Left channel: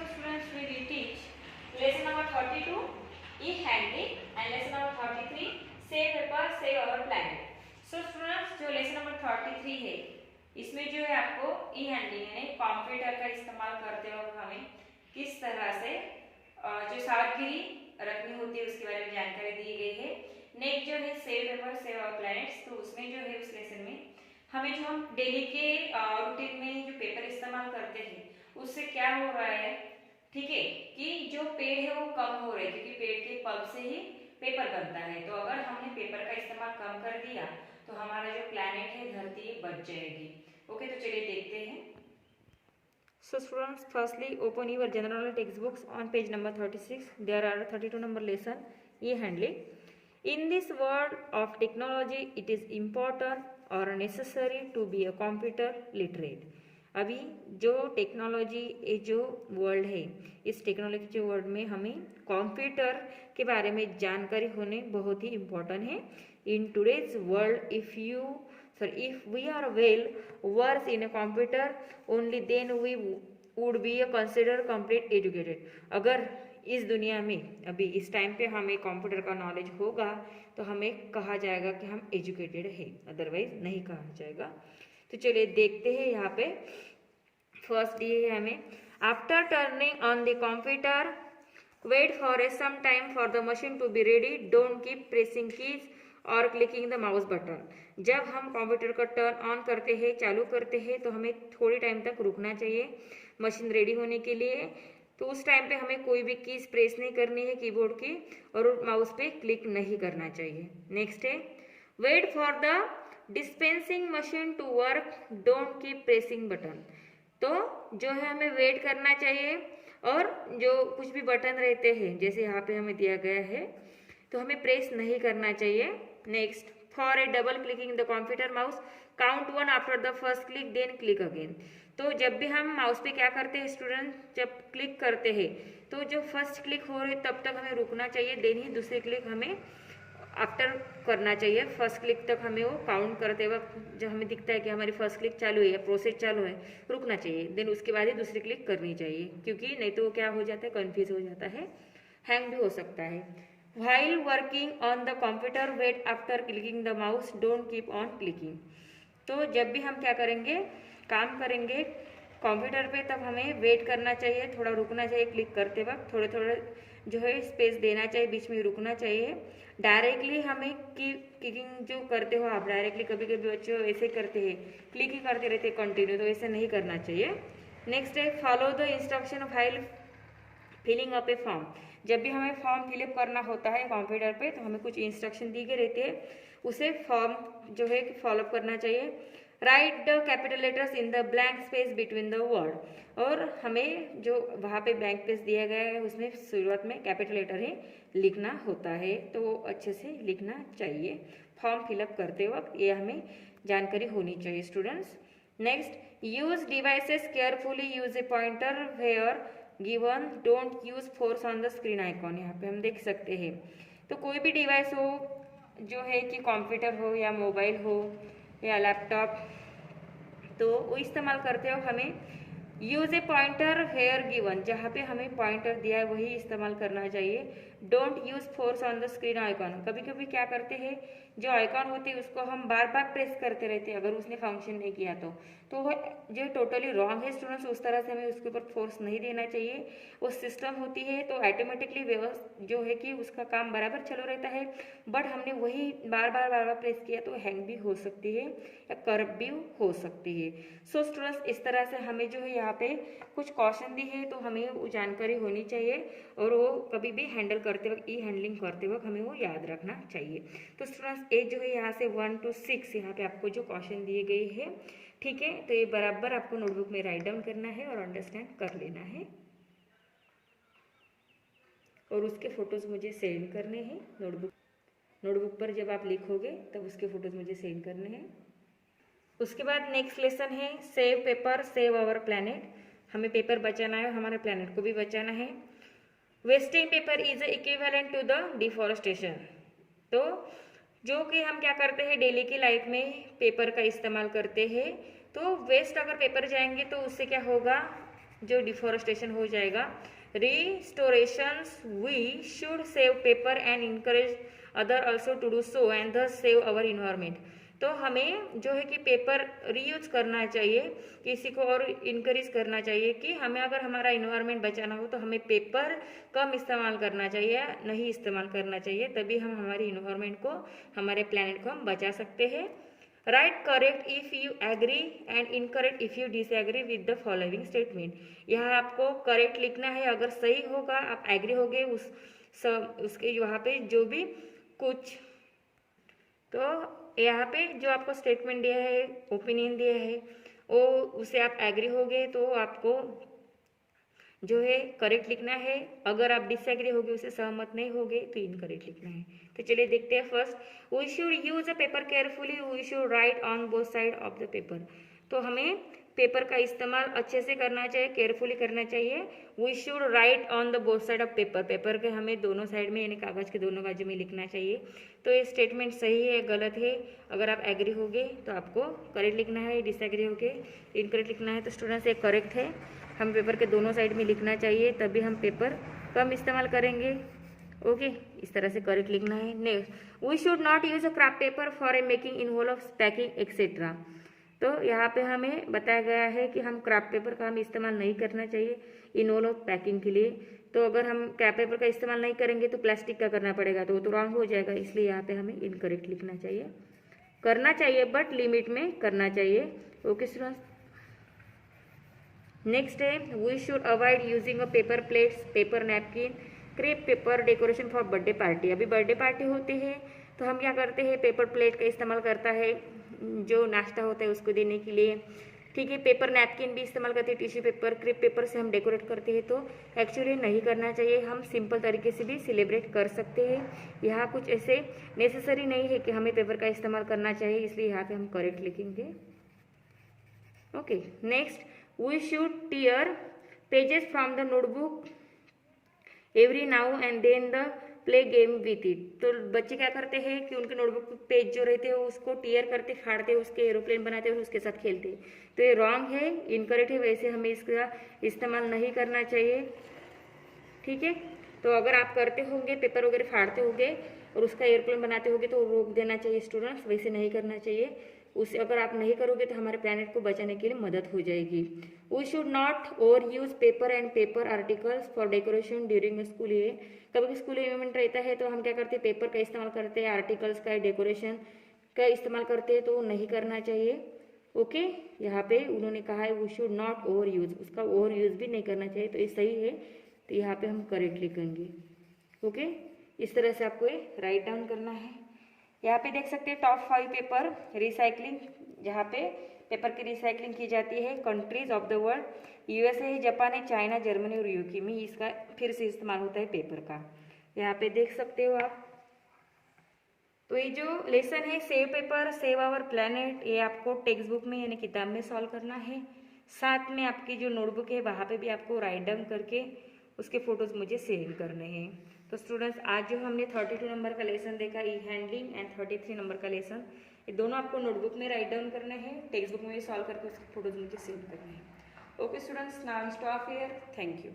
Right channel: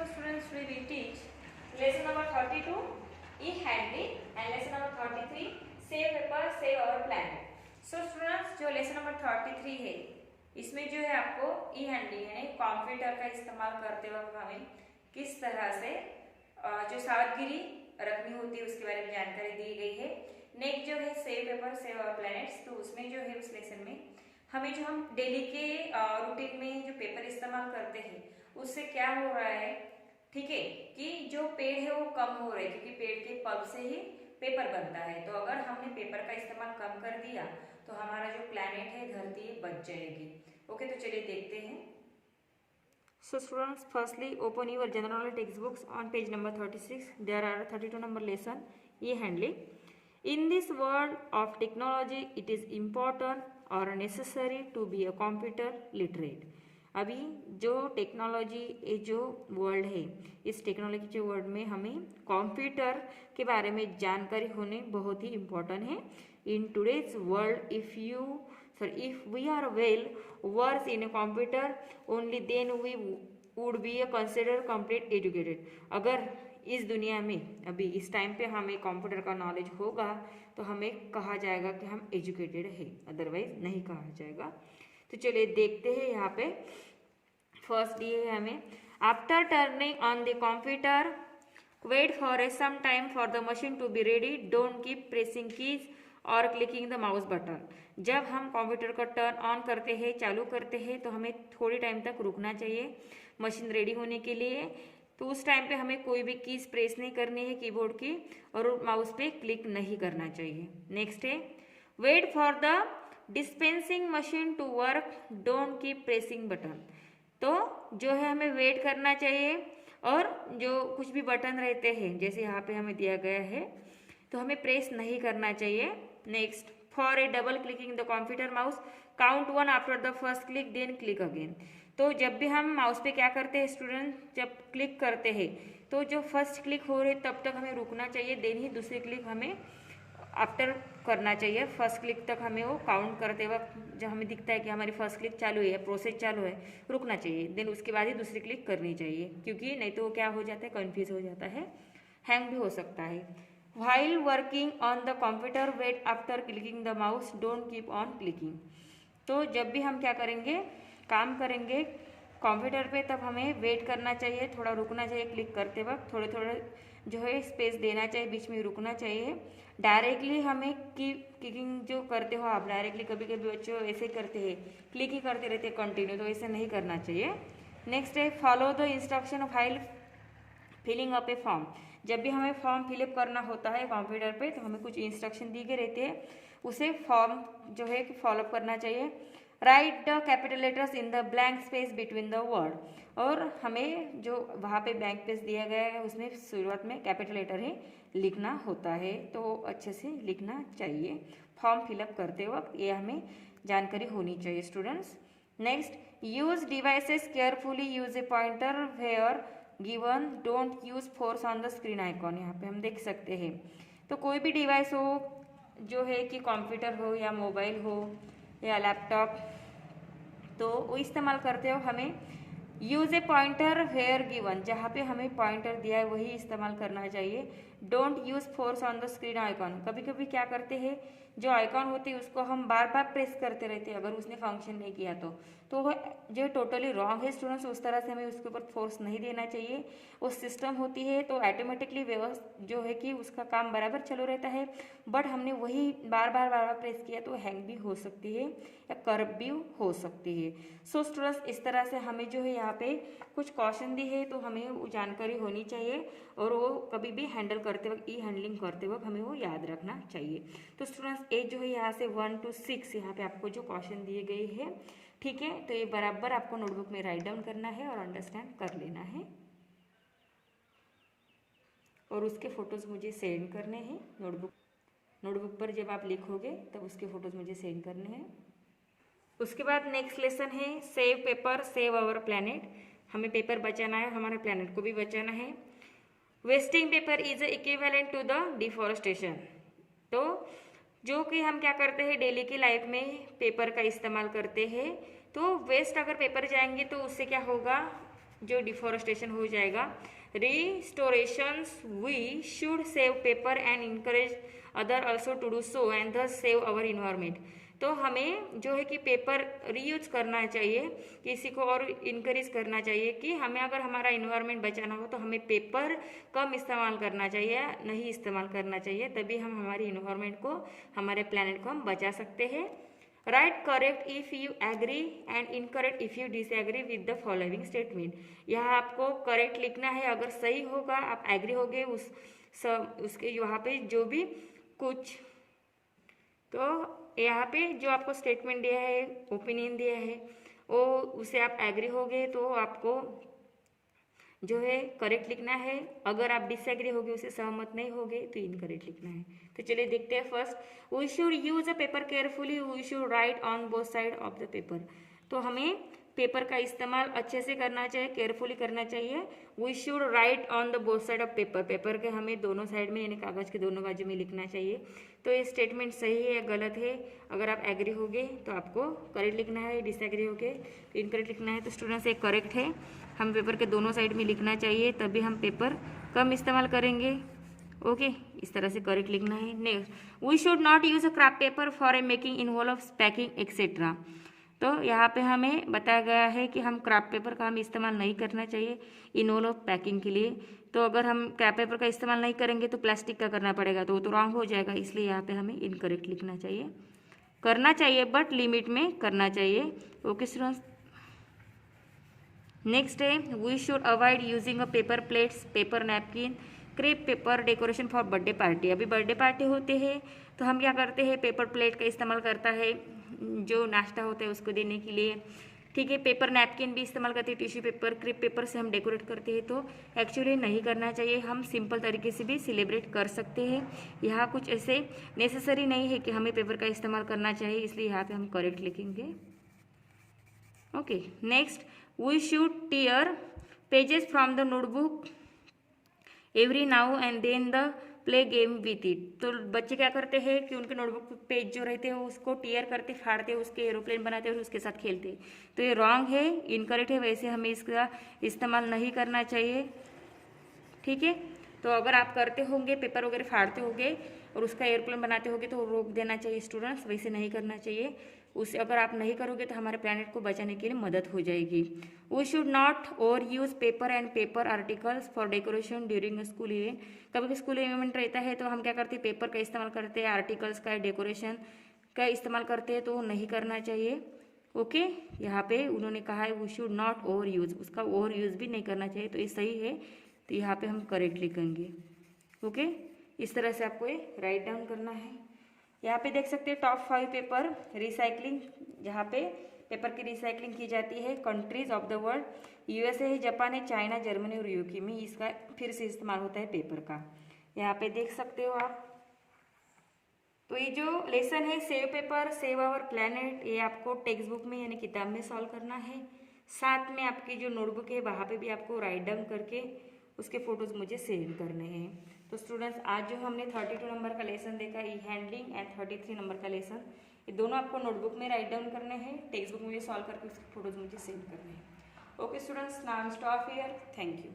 So students, we will teach lesson number 32 e-handling and lesson number 33 save paper save our planet. So students, जो lesson number 33 है इसमें जो है आपको e-handling यानी कंप्यूटर का इस्तेमाल करते वक्त हमें किस तरह से जो सावधानी रखनी होती है उसके बारे में जानकारी दी गई है। नेक्स्ट जो है save paper save our planets, तो उसमें जो है उस लेसन में हमें जो हम डेली के रूटीन में जो पेपर इस्तेमाल करते हैं उससे क्या हो रहा है, ठीक है, कि जो पेड़ है वो कम हो रहे हैं क्योंकि पेड़ के पल्प से ही पेपर बनता है। तो अगर हमने पेपर का इस्तेमाल कम कर दिया तो हमारा जो प्लैनेट है धरती बच जाएगी। ओके, तो चलिए देखते हैं। So students, firstly open your general textbooks on page number 36. There are 32 number lesson e-handling. In this world of technology, it is important or necessary to be a computer literate. अभी जो technology ये जो world है इस technology के world में हमें computer के बारे में जानकारी होने बहुत ही इम्पोर्टेंट है। In today's world if we are well versed in a computer only then we would be considered complete educated. अगर इस दुनिया में अभी इस टाइम पे हमें कंप्यूटर का नॉलेज होगा तो हमें कहा जाएगा कि हम एजुकेटेड है, अदरवाइज नहीं कहा जाएगा। तो चलिए देखते हैं। यहाँ पे फर्स्ट दिए है हमें, after turning on the computer wait for some time for the machine to be ready, don't keep pressing keys और क्लिकिंग द माउस बटन। जब हम कंप्यूटर का टर्न ऑन करते हैं, चालू करते हैं, तो हमें थोड़ी टाइम तक रुकना चाहिए मशीन रेडी होने के लिए। तो उस टाइम पे हमें कोई भी कीज प्रेस नहीं करनी है कीबोर्ड की और माउस पे क्लिक नहीं करना चाहिए। नेक्स्ट है, wait for the dispensing machine to work, don't keep pressing button. तो जो है हमें वेट करना चाहिए और जो कुछ भी बटन रहते हैं जैसे यहाँ पे हमें दिया गया है तो हमें प्रेस नहीं करना चाहिए। Next, for a double clicking the computer mouse, count 1 after the first click then click again. तो जब भी हम माउस पे क्या करते हैं स्टूडेंट, जब क्लिक करते हैं तो जब फर्स्ट क्लिक हो रहे तब तक हमें रुकना चाहिए, देन ही दूसरी क्लिक हमें आफ्टर करना चाहिए। फर्स्ट क्लिक तक हमें वो काउंट करते वक्त जब हमें दिखता है कि हमारी फर्स्ट क्लिक चालू है, प्रोसेस चालू है, रुकना चाहिए, देन उसके बाद ही दूसरी क्लिक करनी चाहिए, क्योंकि नहीं तो क्या हो जाता है, कन्फ्यूज हो जाता है, हैंग भी हो सकता है। While working on the computer wait after clicking the mouse, don't keep on clicking. तो जब भी हम क्या करेंगे, काम करेंगे कंप्यूटर पे, तब हमें वेट करना चाहिए, थोड़ा रुकना चाहिए क्लिक करते वक्त, थोड़े थोड़े जो है स्पेस देना चाहिए, बीच में रुकना चाहिए। डायरेक्टली हमें क्लिकिंग जो करते हो आप, डायरेक्टली कभी कभी बच्चे ऐसे करते हैं, क्लिक ही करते रहते कंटिन्यू, तो ऐसे नहीं करना चाहिए। नेक्स्ट है, follow the instruction while filling up a form. जब भी हमें फॉर्म फिलअप करना होता है कंप्यूटर पे तो हमें कुछ इंस्ट्रक्शन दी गए रहते हैं, उसे फॉर्म जो है कि फॉलोअप करना चाहिए। Right the capital letters in the blank space between the word, और हमें जो वहाँ पे ब्लैंक स्पेस दिया गया है उसमें शुरुआत में कैपिटल लेटर ही लिखना होता है, तो अच्छे से लिखना चाहिए फॉर्म फिलअप करते वक्त, ये हमें जानकारी होनी चाहिए students. Next, use devices carefully, use a pointer where given, don't use force on the screen icon. यहाँ पे हम देख सकते हैं, तो कोई भी डिवाइस हो जो है कि कंप्यूटर हो या मोबाइल हो या लैपटॉप, तो वो इस्तेमाल करते हो हमें use a pointer where given, जहाँ पे हमें पॉइंटर दिया है वही इस्तेमाल करना चाहिए। Don't use force on the screen icon, कभी कभी क्या करते हैं जो आइकॉन होती है उसको हम बार बार प्रेस करते रहते हैं अगर उसने फंक्शन नहीं किया तो वो जो टोटली रॉन्ग है स्टूडेंट्स, उस तरह से हमें उसके ऊपर फोर्स नहीं देना चाहिए। वो सिस्टम होती है तो ऑटोमेटिकली जो है कि उसका काम बराबर चलो रहता है, बट हमने वही बार बार प्रेस किया तो हैंग भी हो सकती है या करप्ट भी हो सकती है। सो स्टूडेंट्स, इस तरह से हमें जो है यहाँ पे कुछ क्वेश्चन दी है तो हमें वो जानकारी होनी चाहिए और वो कभी भी हैंडल करते वक्त, ई हैंडलिंग करते वक्त हमें वो याद रखना चाहिए। तो स्टूडेंट्स, ये जो है यहाँ से 1 to 6 यहाँ पे आपको जो क्वेश्चन दिए गए हैं, ठीक है, तो ये बराबर आपको नोटबुक में राइट डाउन करना है और अंडरस्टैंड कर लेना है और उसके फोटोज मुझे सेंड करने हैं। नोटबुक पर जब आप लिखोगे तब उसके फोटोज मुझे सेंड करने हैं। उसके बाद नेक्स्ट लेसन है save paper save our planet. हमें पेपर बचाना है, हमारे प्लैनेट को भी बचाना है। Wasting paper is equivalent to the deforestation. तो जो कि हम क्या करते हैं डेली की लाइफ में पेपर का इस्तेमाल करते हैं, तो वेस्ट अगर पेपर जाएंगे तो उससे क्या होगा, जो डिफॉरेस्टेशन हो जाएगा। Restorations we should save paper and encourage other also to do so and thus save our environment. तो हमें जो है कि पेपर रीयूज करना चाहिए, किसी को और इनकरेज करना चाहिए कि हमें अगर हमारा इन्वायरमेंट बचाना हो तो हमें पेपर कम इस्तेमाल करना चाहिए, नहीं इस्तेमाल करना चाहिए, तभी हम हमारे इन्वायरमेंट को, हमारे प्लैनेट को हम बचा सकते हैं। Right correct if you agree and incorrect if you disagree with the following statement. यहाँ आपको करेक्ट लिखना है, अगर सही होगा आप एग्री होगे उसके यहाँ पे जो भी कुछ, तो यहाँ पे जो आपको स्टेटमेंट दिया है, ओपिनियन दिया है, वो उसे आप एग्री होगे तो आपको जो है करेक्ट लिखना है। अगर आप डिसएग्री होगे, उसे सहमत नहीं होगे, तो इनकरेक्ट लिखना है। तो चलिए देखते हैं। First, we should use a paper carefully, we should write on both side of the paper. तो हमें पेपर का इस्तेमाल अच्छे से करना चाहिए, केयरफुली करना चाहिए। We should write on the both side of paper, paper के हमें दोनों साइड में यानी कागज के दोनों बाजू में लिखना चाहिए। तो ये स्टेटमेंट सही है गलत है, अगर आप एग्री होगे तो आपको करेक्ट लिखना है, डिसएग्री होगे तो इनकरेक्ट लिखना है। तो स्टूडेंट्स ये करेक्ट है, हम पेपर के दोनों साइड में लिखना चाहिए, तभी हम पेपर कम इस्तेमाल करेंगे। ओके, इस तरह से करेक्ट लिखना है। Next, we should not use a craft paper for a making involve packing etcetera. तो यहाँ पे हमें बताया गया है कि हम क्राफ्ट पेपर का हम इस्तेमाल नहीं करना चाहिए इन्वॉल्व पैकिंग के लिए। तो अगर हम क्राफ्ट पेपर का इस्तेमाल नहीं करेंगे तो प्लास्टिक का करना पड़ेगा, तो वो तो रॉन्ग हो जाएगा, इसलिए यहाँ पे हमें इनकरेक्ट लिखना चाहिए। करना चाहिए बट लिमिट में करना चाहिए। ओके स्टूडेंट्स, नेक्स्ट है, we should avoid using a paper plates, paper napkin, crepe paper decoration for birthday party. अभी बर्थडे पार्टी होती है तो हम क्या करते हैं, पेपर प्लेट का इस्तेमाल करता है जो नाश्ता होता है उसको देने के लिए। ठीक है, पेपर नैपकिन भी इस्तेमाल करते हैं, टिश्यू पेपर, क्रेप पेपर से हम डेकोरेट करते हैं। तो एक्चुअली नहीं करना चाहिए, हम सिंपल तरीके से भी सेलिब्रेट कर सकते हैं। यहाँ कुछ ऐसे नेसेसरी नहीं है कि हमें पेपर का इस्तेमाल करना चाहिए, इसलिए यहाँ पे हम करेक्ट लिखेंगे। Okay, next, we should tear pages from the notebook every now and then the play game with it. तो बच्चे क्या करते हैं कि उनके नोटबुक पेज जो रहते हैं उसको टीयर करते, फाड़ते, उसके एरोप्लेन बनाते हैं और उसके साथ खेलते हैं। तो ये रॉन्ग है, इनकरेक्ट है, वैसे हमें इसका इस्तेमाल नहीं करना चाहिए। ठीक है, तो अगर आप करते होंगे, पेपर वगैरह फाड़ते होंगे और उसका एयरप्लेन बनाते होंगे तो रोक देना चाहिए स्टूडेंट्स, वैसे नहीं करना चाहिए। उसे अगर आप नहीं करोगे तो हमारे प्लैनेट को बचाने के लिए मदद हो जाएगी। We should not over use paper and paper articles for decoration during school event. कभी भी स्कूल इवेंट रहता है तो हम क्या करते हैं, पेपर का इस्तेमाल करते हैं, आर्टिकल्स का, डेकोरेशन का इस्तेमाल करते हैं, तो वो नहीं करना चाहिए। ओके, यहाँ पे उन्होंने कहा है we should not over use, उसका ओवर यूज भी नहीं करना चाहिए, तो ये सही है, तो यहाँ पे हम करेक्ट लिखेंगे। ओके, इस तरह से आपको ये राइट डाउन करना है। यहाँ पे देख सकते हैं टॉप 5 पेपर रिसाइकलिंग, जहाँ पे पेपर की रिसाइकलिंग की जाती है। Countries of the world, USA है, जापान है, चाइना, जर्मनी और यूके में इसका फिर से इस्तेमाल होता है पेपर का। यहाँ पे देख सकते हो आप। तो ये जो लेसन है save paper save our planet, ये आपको टेक्स्ट बुक में यानी किताब में सॉल्व करना है। साथ में आपकी जो नोटबुक है वहाँ पे भी आपको राइट डाउन करके उसके फोटोज मुझे सेव करने हैं। तो स्टूडेंट्स, आज जो हमने 32 नंबर का लेसन देखा, ई हैंडलिंग, एंड 33 नंबर का लेसन, ये दोनों आपको नोटबुक में राइट डाउन करने हैं, टेक्स्ट बुक में सॉल्व करके उसके फोटोज मुझे सेव करने हैं। Okay students, now stop here, thank you.